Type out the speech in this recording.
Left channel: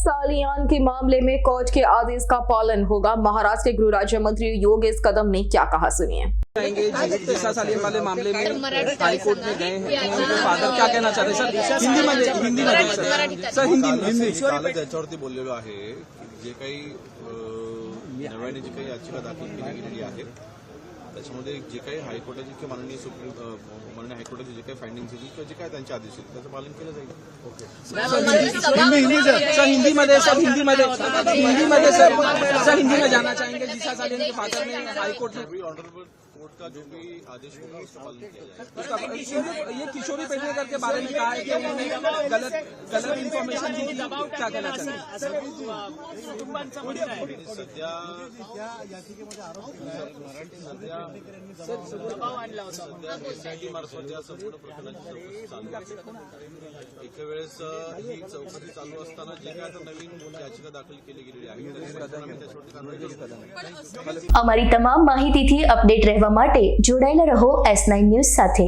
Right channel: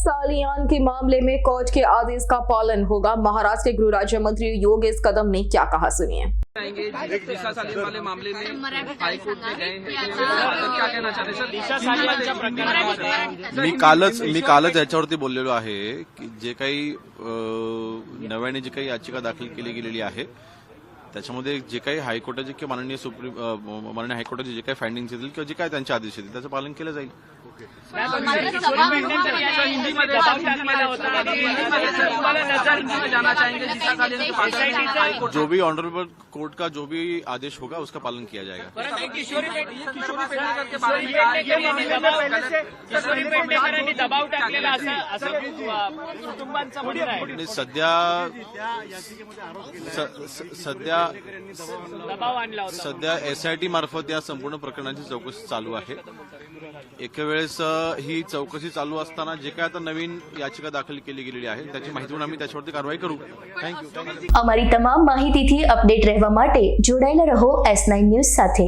सालियान के मामले में कोर्ट के आदेश का पालन होगा। महाराष्ट्र के गृह राज्य मंत्री योगेश कदम ने क्या कहा, सुनिए। दिशा सालियान वाले मामले में हाई कोर्ट में गए हैं, फादर क्या कहना चाहते हैं सर? हिंदी मध्ये मी कालच याच्यावरती बोललेलो आहे की जे काही नव्याने जी काही याचिका दाखल केली गेलेली आहे त्याच्यामध्ये जे काही हायकोर्टाचे किंवा माननीय हायकोर्टाचे जे काही फाइंडिंग्स येतील किंवा जे काही त्यांचे आदेश येतील त्याचं पालन केलं जाईल। जो भी ऑनरेबल कोर्ट का जो भी आदेश होगा उसका पालन किया जाएगा। ये किशोरी पेडणेकर के बारे में कहा है कि सध्या SIT मार्फत या संपूर्ण प्रकरणाची चौकशी चालू आहे। एका वेळेस ही चौकशी चालू असताना जे काय आता नवीन याचिका दाखल केली गेलेली आहे त्याची माहिती म्हणून आम्ही त्याच्यावरती कारवाई करू। थँक्यू। અમારી તમામ માહિતીથી અપડેટ રહેવા માટે જોડાયેલા રહો S9 ન્યૂઝ સાથે।